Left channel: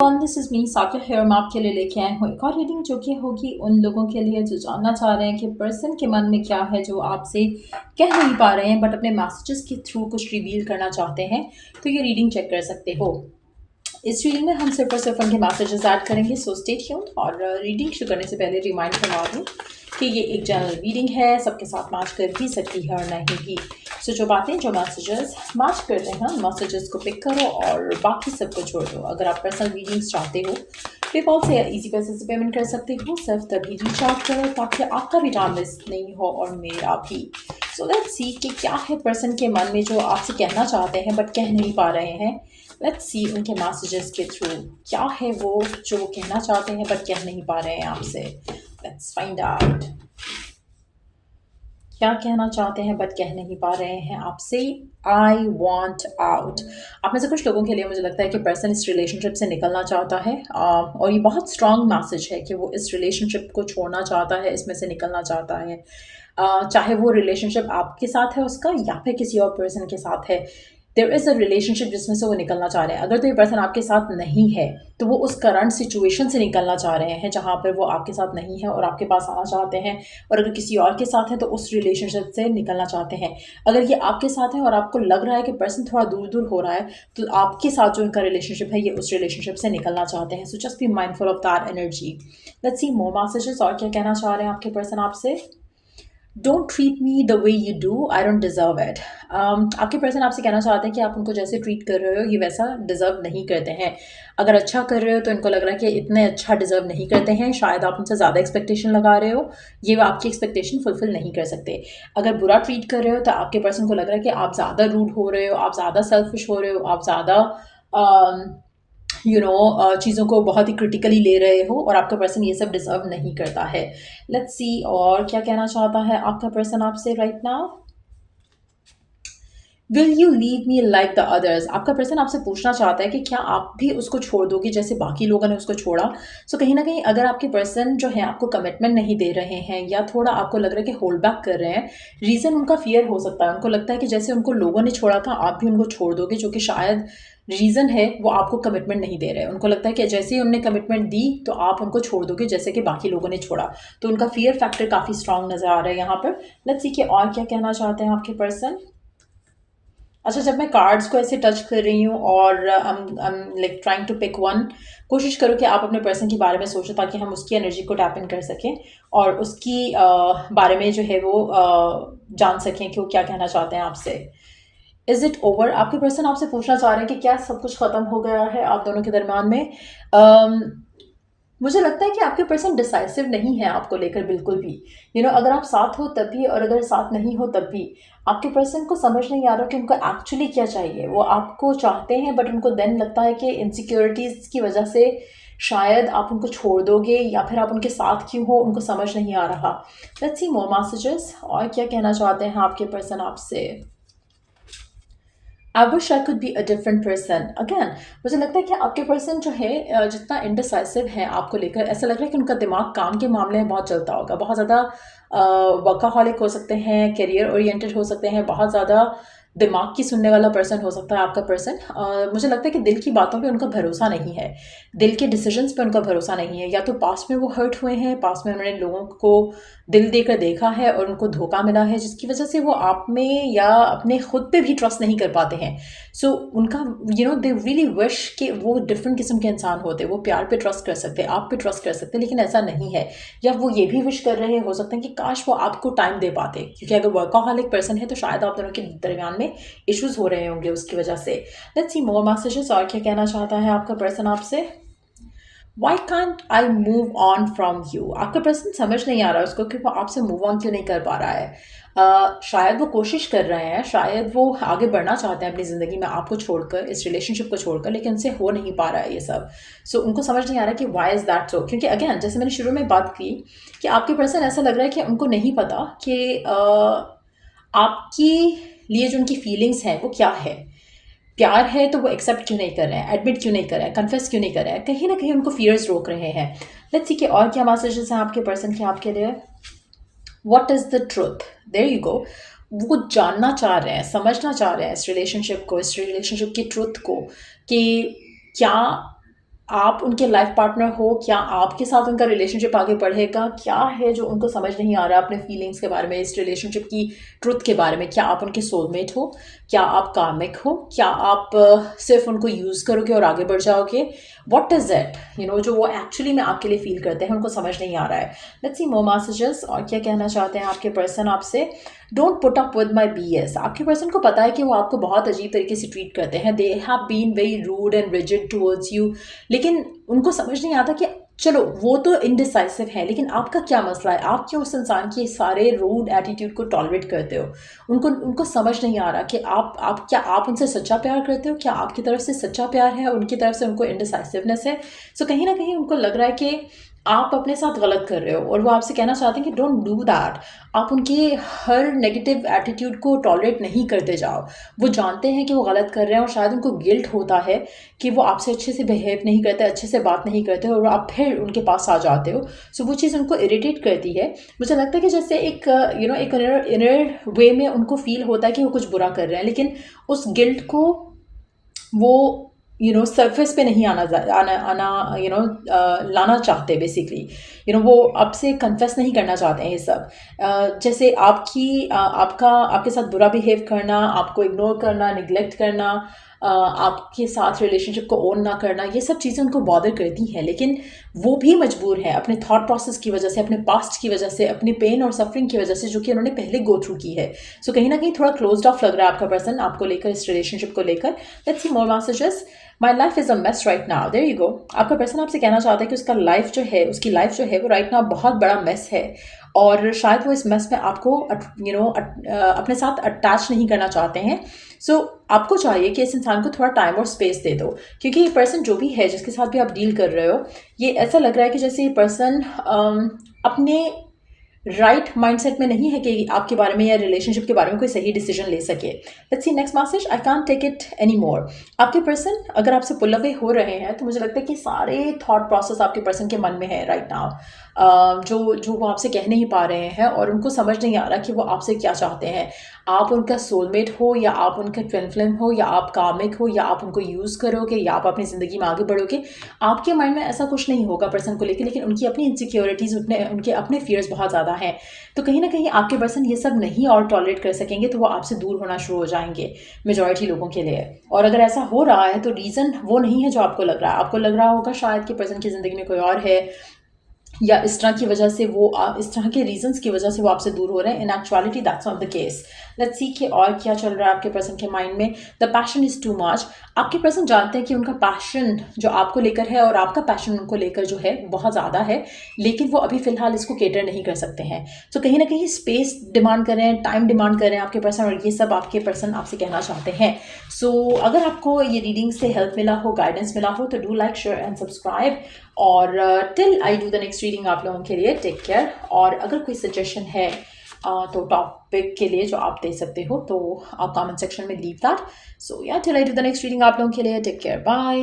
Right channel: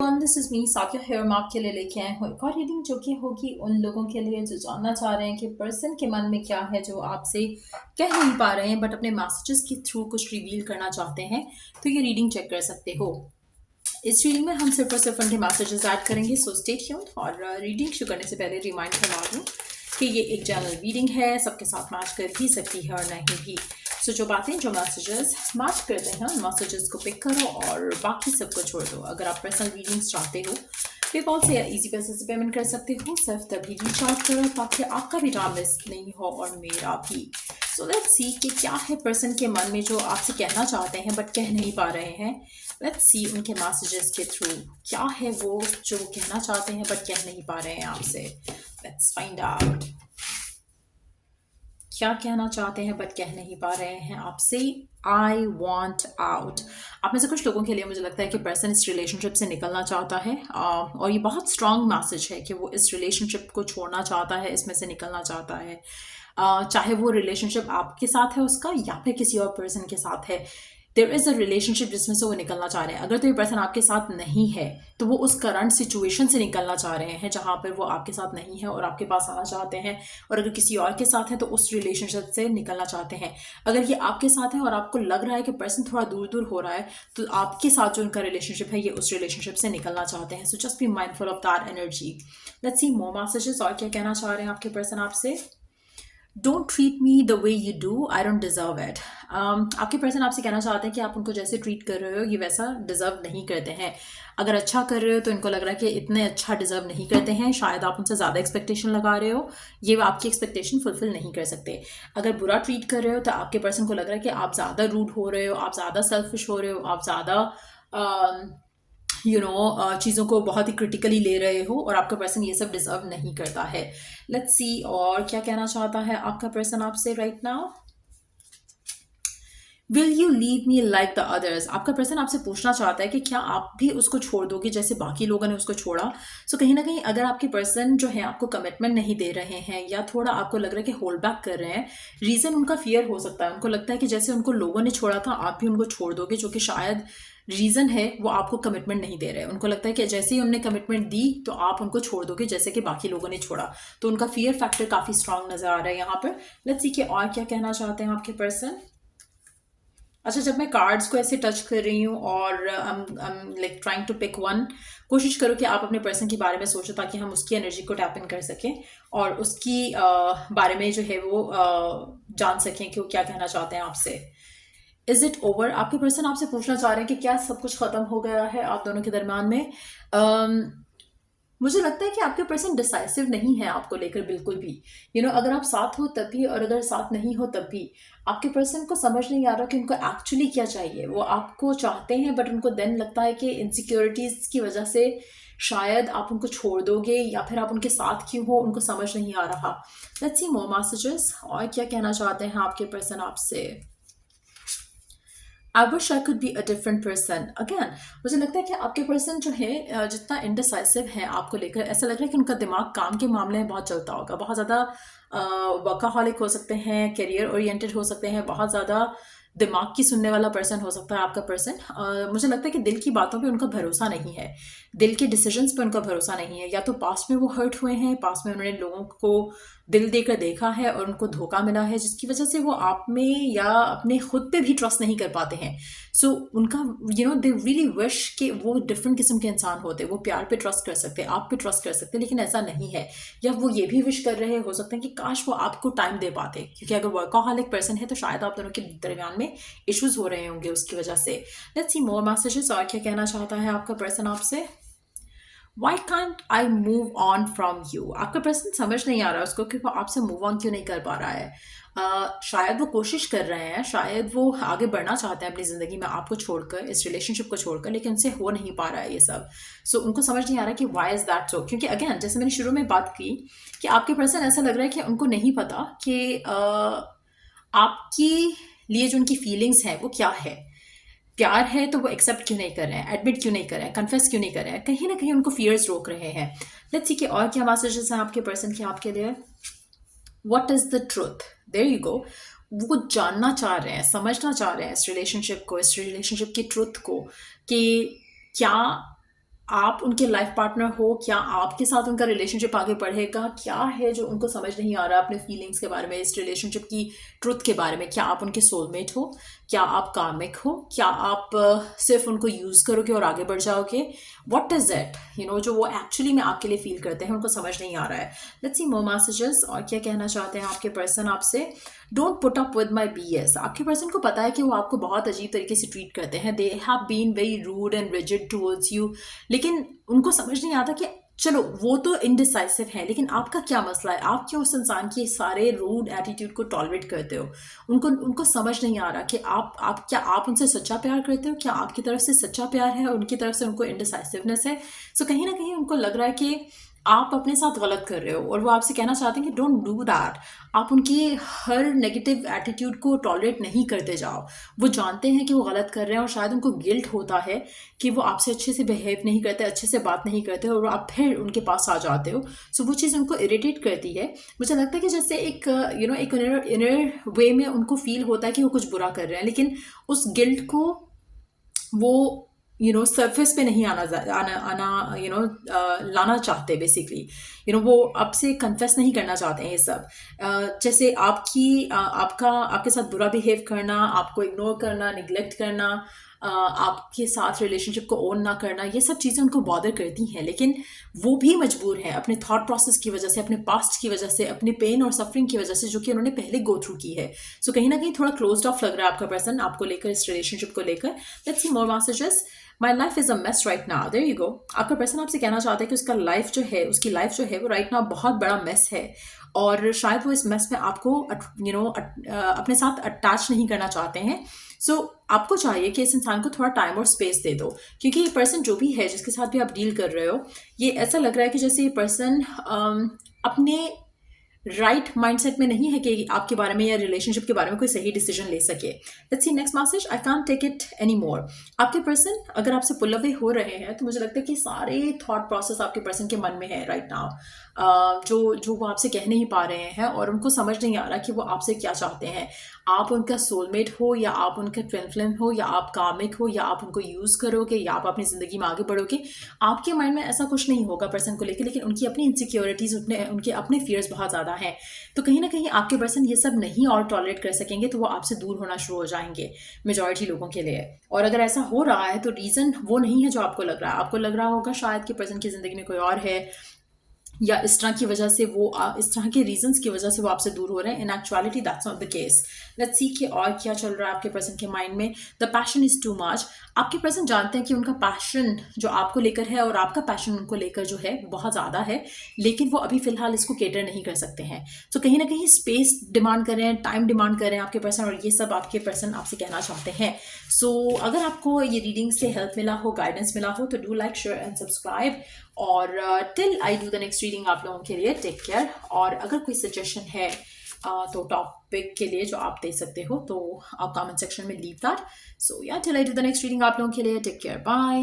This is me Saqib here मैं आपके लिए लेके आए हूँ एक और रीडिंग जो कि होगी उन लोगों के लिए जो जानना चाह रहे हैं कि पर्सन के मन में क्या है जो आपसे कह नहीं पा रहे हैं बट अपने मैसेजेस के थ्रू कुछ रिवील करना चाहते हैं। तो ये रीडिंग चेक कर सकते हो। इस रीडिंग में हम सिर्फ और सिर्फ उनके मैसेजेस ऐड करेंगे, सो स्टे ट्यून्ड। और रीडिंग शुरू करने से पहले रिमाइंड करवा दूँ कि ये एक जनरल रीडिंग है, सबके साथ मैच कर भी सकती है और नहीं भी। सो जो बातें जो मैसेजेस मैच करते हैं उन मैसेजेस को पिक करो और बाकी सबको छोड़ दो। अगर आप पर्सनल रीडिंग्स चाहते हो पेपॉल से या इजी पैसे से पेमेंट कर सकते हो, सिर्फ तभी रीच आउट करो ताकि आपका भी टाइम वेस्ट नहीं हो और मेरा भी। सो लेट्स सी कि क्या है पर्सन के मन में जो आपसे कहना चाहते हैं बट कह नहीं पा रहे हैं। लेट्स सी उनके मैसेजेस के थ्रू क्या है वो जो वो कहना चाहते हैं बट कह नहीं पा रहे हैं आपसे। लेट्स फाइंड आउट क्या कहना चाहते हैं बट कह नहीं पा रहे हैं आपसे। I want out. आप में से कुछ लोगों के लिए मुझे लगता है कि पर्सन इस रिलेशनशिप से निकलना चाहता है और ये बहुत स्ट्रांग मैसेज है कि वो इस रिलेशनशिप को छोड़ना चाहता है, इसमें से निकलना चाहता है। चाहे वो रिलेशनशिप आपके साथ है उसका या फिर किसी और पर्सन के साथ है, देयर इज़ अ रिलेशनशिप जिसमें से वो निकलना चाह रहे हैं। अगर तो ये पर्सन आपके साथ नहीं है तो वो उस करंट सिचुएशन से निकलना चाह रहे हैं जहाँ पर वो आपके साथ नहीं है और आपके पास आना चाहते हैं। और अगर किसी और के साथ है तो उस रिलेशनशिप से निकलना चाहते हैं। अगर ये आपके साथ है और आपको लग रहा है कि पर्सन थोड़ा दूर दूर हो रहा है तो आपके साथ जो उनका रिलेशनशिप है ये उस रिलेशनशिप से निकलना चाहते हैं। So just be mindful of that energy. Let's see more messages और क्या कहना चाह रहे हैं आपके पर्सन आपसे। Don't treat me the way you do, I don't deserve it. आपके पर्सन आपसे कहना चाहते हैं कि आप उनको जैसे ट्रीट कर रहे हो ये वैसा डिजर्व नहीं करते हैं। अगर अच्छा कर रहे हो तो इनको लग रहा है कि इतने अच्छा डिजर्व नहीं करते हैं, शायद आप उनसे ज़्यादा एक्सपेक्टेशन लगा रहे हो, ये वो आपकी एक्सपेक्टेशन फुलफिल नहीं कर सकते। अगर बुरा ट्रीट कर रहे हो तो आपके पर्सन को लग रहा है कि आप ज़्यादा रूड हो रहे हो, आप ज़्यादा सेल्फिश हो रहे हो, आप ज़्यादा चीज़ों को बहुत ही क्रिटिकली ले रहे हो और आपका पर्सन ये सब डिजर्व नहीं करता है। लेट्स सी और क्या कहना चाहता है आपका पर्सन आपसे right now. Will you leave me like the others. आपका पर्सन आपसे पूछना चाहता है कि क्या आप भी उसको छोड़ दोगे जैसे बाकी लोगों ने उसको छोड़ा। सो कहीं ना कहीं अगर आपके पर्सन जो है आपको कमिटमेंट नहीं दे रहे हैं या थोड़ा आपको लग रहा है कि होल्ड बैक कर रहे हैं, रीज़न उनका फियर हो सकता है। उनको लगता है कि जैसे उनको लोगों ने छोड़ा था आप भी उनको छोड़ दोगे, जो कि शायद रीज़न है वो आपको कमिटमेंट नहीं दे रहे हैं। उनको लगता है कि जैसे ही उन्होंने कमिटमेंट दी तो आप उनको छोड़ दोगे जैसे कि बाकी लोगों ने छोड़ा। तो उनका फियर फैक्टर काफ़ी स्ट्रांग नज़र आ रहा है यहाँ पर। लेट्स सी कि और क्या कहना चाहते हैं आपके पर्सन। अच्छा, जब मैं कार्ड्स को ऐसे टच कर रही हूँ और like trying to pick one, कोशिश करो कि आप अपने पर्सन के बारे में सोचो ताकि हम उसकी एनर्जी को टैप इन कर सकें और उसकी बारे में जो है वो जान सकें कि वो क्या कहना चाहते हैं आपसे। Is it over. आपके पर्सन आपसे पूछना चाह रहे हैं कि क्या सब कुछ खत्म हो गया है आप दोनों के दरमियान में। मुझे लगता है कि आपके पर्सन डिसाइसिव नहीं है आपको लेकर बिल्कुल भी। अगर आप साथ हो तब भी और अगर साथ नहीं हो तब भी आपके पर्सन को समझ नहीं आ रहा कि उनको एक्चुअली क्या चाहिए। वो आपको चाहते हैं बट उनको देन लगता है कि इनसिक्योरिटीज़ की वजह से शायद आप उनको छोड़ दोगे या फिर आप उनके साथ क्यों हो उनको समझ नहीं आ रहा। लेट्स सी मोर मैसेजेस और क्या कहना चाहते हैं आपके पर्सन आपसे। I wish I could be a different person. Again मुझे लगता है कि आपके पर्सन जो है जितना इंडिसाइसिव है आपको लेकर, ऐसा लग रहा है कि उनका दिमाग काम के मामले में बहुत चलता होगा। बहुत ज़्यादा वर्काहॉलिक हो सकते हैं, करियर ओरिएंटेड हो सकते हैं, बहुत ज़्यादा दिमाग की सुनने वाला पर्सन हो सकता है आपका पर्सन। मुझे लगता है कि दिल की बातों पे उनका भरोसा नहीं है, दिल के डिसीजंस पे उनका भरोसा नहीं है। या तो पास्ट में वो हर्ट हुए हैं, पास्ट में उन्होंने लोगों को दिल देकर देखा है और उनको धोखा मिला है जिसकी वजह से वो आप में या अपने खुद पे भी ट्रस्ट नहीं कर पाते हैं। सो उनका दे रियली विश कि वो डिफरेंट किस्म के इंसान होते, वो प्यार पे ट्रस्ट कर सकते, आप पे ट्रस्ट कर सकते, लेकिन ऐसा नहीं है। या वो ये भी विश कर रहे हो सकते हैं कि काश वो आपको टाइम दे पाते, क्योंकि अगर वर्कaholic पर्सन है तो शायद आप दोनों के दरमियान में इश्यूज हो रहे होंगे उसकी वजह से। लेट्स सी मोर मैसेजेस और क्या कहना चाहता है आपका पर्सन आपसे। Why can't I move on from you. आपका पर्सन समझ नहीं आ रहा है उसको कि वो आपसे मूव ऑन क्यों नहीं कर पा रहा है। शायद वो कोशिश कर रहे हैं, शायद वो आगे बढ़ना चाहते हैं अपनी ज़िंदगी में आपको छोड़कर, इस रिलेशनशिप को छोड़कर, लेकिन उनसे हो नहीं पा रहा है ये सब। सो उनको समझ नहीं आ रहा कि वाई इज़ दैट सो। क्योंकि अगेन जैसे मैंने शुरू में बात की कि आपके पर्सन ऐसा लग रहा है कि उनको नहीं पता कि आपकी लिए जो उनकी फीलिंग्स हैं वो क्या है। प्यार है तो वो एक्सेप्ट क्यों नहीं कर रहे हैं, एडमिट क्यों नहीं कर रहे हैं, कन्फेस क्यों नहीं कर रहे हैं, कहीं ना कहीं उनको फियर्स रोक रहे हैं। लेट्स सी कि और क्या मैसेजेस हैं आपके पर्सन के आपके लिए। What is the truth. There you go. वो जानना चाह रहे हैं, समझना चाह रहे हैं इस रिलेशनशिप को, इस रिलेशनशिप की ट्रुथ को, कि क्या आप उनके लाइफ पार्टनर हो, क्या आपके साथ उनका रिलेशनशिप आगे बढ़ेगा, क्या है जो उनको समझ नहीं आ रहा अपने फीलिंग्स के बारे में, इस रिलेशनशिप की ट्रुथ के बारे में। क्या आप उनके सोलमेट हो, क्या आप कार्मिक हो, क्या आप सिर्फ उनको यूज़ करोगे और आगे बढ़ जाओगे। वॉट इज़ इट, जो वो एक्चुअली में आपके लिए फील करते हैं उनको समझ नहीं आ रहा है। लेट्स सी मोर मैसेजेस, और क्या कहना चाहते हैं आपके पर्सन आपसे। Don't put up with my BS। आपके पर्सन को पता है कि वो आपको बहुत अजीब तरीके से ट्रीट करते हैं, they have been very rude and rigid towards you, लेकिन उनको समझ नहीं आता कि चलो वो तो इनडिसाइसिव है, लेकिन आपका क्या मसला है, आप क्यों उस इंसान की सारे रूड एटीट्यूड को टॉलरेट करते हो। उनको उनको समझ नहीं आ रहा कि आप क्या आप उनसे सच्चा प्यार करते हो, क्या आपकी तरफ से सच्चा प्यार है और उनकी तरफ से उनको इनडिसाइसिवनेस है। सो कहीं ना कहीं उनको लग रहा है कि आप अपने साथ गलत कर रहे हो, और वो आपसे कहना चाहते हैं कि डोंट डू दैट। आप उनके हर नेगेटिव एटीट्यूड को टॉलरेट नहीं करते जाओ। वो जानते हैं कि वो गलत कर रहे हैं और शायद उनको गिल्ट होता है कि वो आपसे अच्छे से बिहेव नहीं करते, अच्छे से बात नहीं करते, और आप फिर उनके पास आ जाते हो। सो वो चीज़ उनको इरिटेट करती है। मुझे लगता है कि जैसे एक एक इनर वे में उनको फील होता है कि वो कुछ बुरा कर रहे हैं, लेकिन उस गिल्ट को वो सरफेस पे नहीं आना लाना चाहते बेसिकली। वो आपसे कन्फेस नहीं करना चाहते हैं ये सब। जैसे आपके साथ बुरा बिहेव करना, आपको इग्नोर करना, निगलेक्ट करना, आपके साथ रिलेशनशिप को ओन ना करना, ये सब चीज़ें उनको बॉदर करती हैं, लेकिन वो भी मजबूर है अपने थॉट प्रोसेस की वजह से, अपने पास्ट की वजह से, अपने पेन और सफरिंग की वजह से, जो कि उन्होंने पहले गो थ्रू की है। सो कहीं ना कहीं थोड़ा क्लोज्ड ऑफ लग रहा है आपका पर्सन आपको लेकर, इस रिलेशनशिप को लेकर। Let's see more messages. My life is a mess right now. There you go. आपका पर्सन आपसे कहना चाहता है कि उसकी लाइफ जो है वो राइट नाउ बहुत बड़ा मेस है, और शायद वो इस मेस में आपको अपने साथ अटैच नहीं करना चाहते हैं। सो आपको चाहिए कि इस इंसान को थोड़ा टाइम और स्पेस दे दो, क्योंकि ये पर्सन जो भी है जिसके साथ भी आप डील कर रहे हो, ये ऐसा लग रहा है कि जैसे ये पर्सन अपने राइट माइंडसेट में नहीं है कि आपके बारे में या रिलेशनशिप के बारे में कोई सही डिसीजन ले सके। Let's see next message. I can't take it any more. आपके पर्सन अगर आपसे पुल अवे हो रहे हैं तो मुझे लगता है कि सारे थॉट प्रोसेस आपके पर्सन के मन में है राइट नाउ, जो वो आपसे कह नहीं पा रहे हैं, और उनको समझ नहीं आ रहा कि वो आपसे क्या चाहते हैं। आप उनका सोलमेट हो, या आप उनका ट्विन फ्लेम हो, या आप कामिक हो, या आप उनको यूज़ करोगे, या आप अपनी ज़िंदगी में आगे बढ़ोगे। आपके माइंड में ऐसा कुछ नहीं होगा पर्सन को लेकर, लेकिन उनकी अपनी इनसिक्योरिटीज़, उनके अपने फियर्स बहुत ज़्यादा हैं। तो कहीं ना कहीं आपके पर्सन ये सब नहीं और टॉलरेट कर सकेंगे, तो वो आपसे दूर होना शुरू हो जाएंगे मेजॉरिटी लोगों के लिए। और अगर ऐसा हो रहा है तो रीज़न वो नहीं है जो आपको लग रहा है। आपको लग रहा होगा शायद कि पर्सन की ज़िंदगी में कोई और है, या इस तरह की वजह से इस तरह के रीजंस की वजह से वो आपसे दूर हो रहे हैं। In actuality that's not the case. Let's see कि और क्या चल रहा है आपके पर्सन के माइंड में। The passion is too much. आपके पर्सन जानते हैं कि उनका पैशन जो आपको लेकर है और आपका पैशन उनको लेकर जो है बहुत ज़्यादा है, लेकिन वो अभी फिलहाल इसको केटर नहीं कर सकते हैं। तो कहीं ना कहीं स्पेस डिमांड कर रहे हैं, टाइम डिमांड कर रहे हैं आपके पर्सन, और ये सब आपके पर्सन आपसे कहना चाहते हैं। सो अगर आपको ये रीडिंग से हेल्प मिला हो, गाइडेंस मिला हो, तो do like, share and subscribe. और till I do the next reading आप लोगों के लिए टेक केयर। और अगर कोई सजेशन है तो टॉपिक के लिए जो आप दे सकते हो, तो आप कमेंट सेक्शन में लीव दैट। सो या till I do the next reading आप लोगों के लिए टेक केयर, बाय।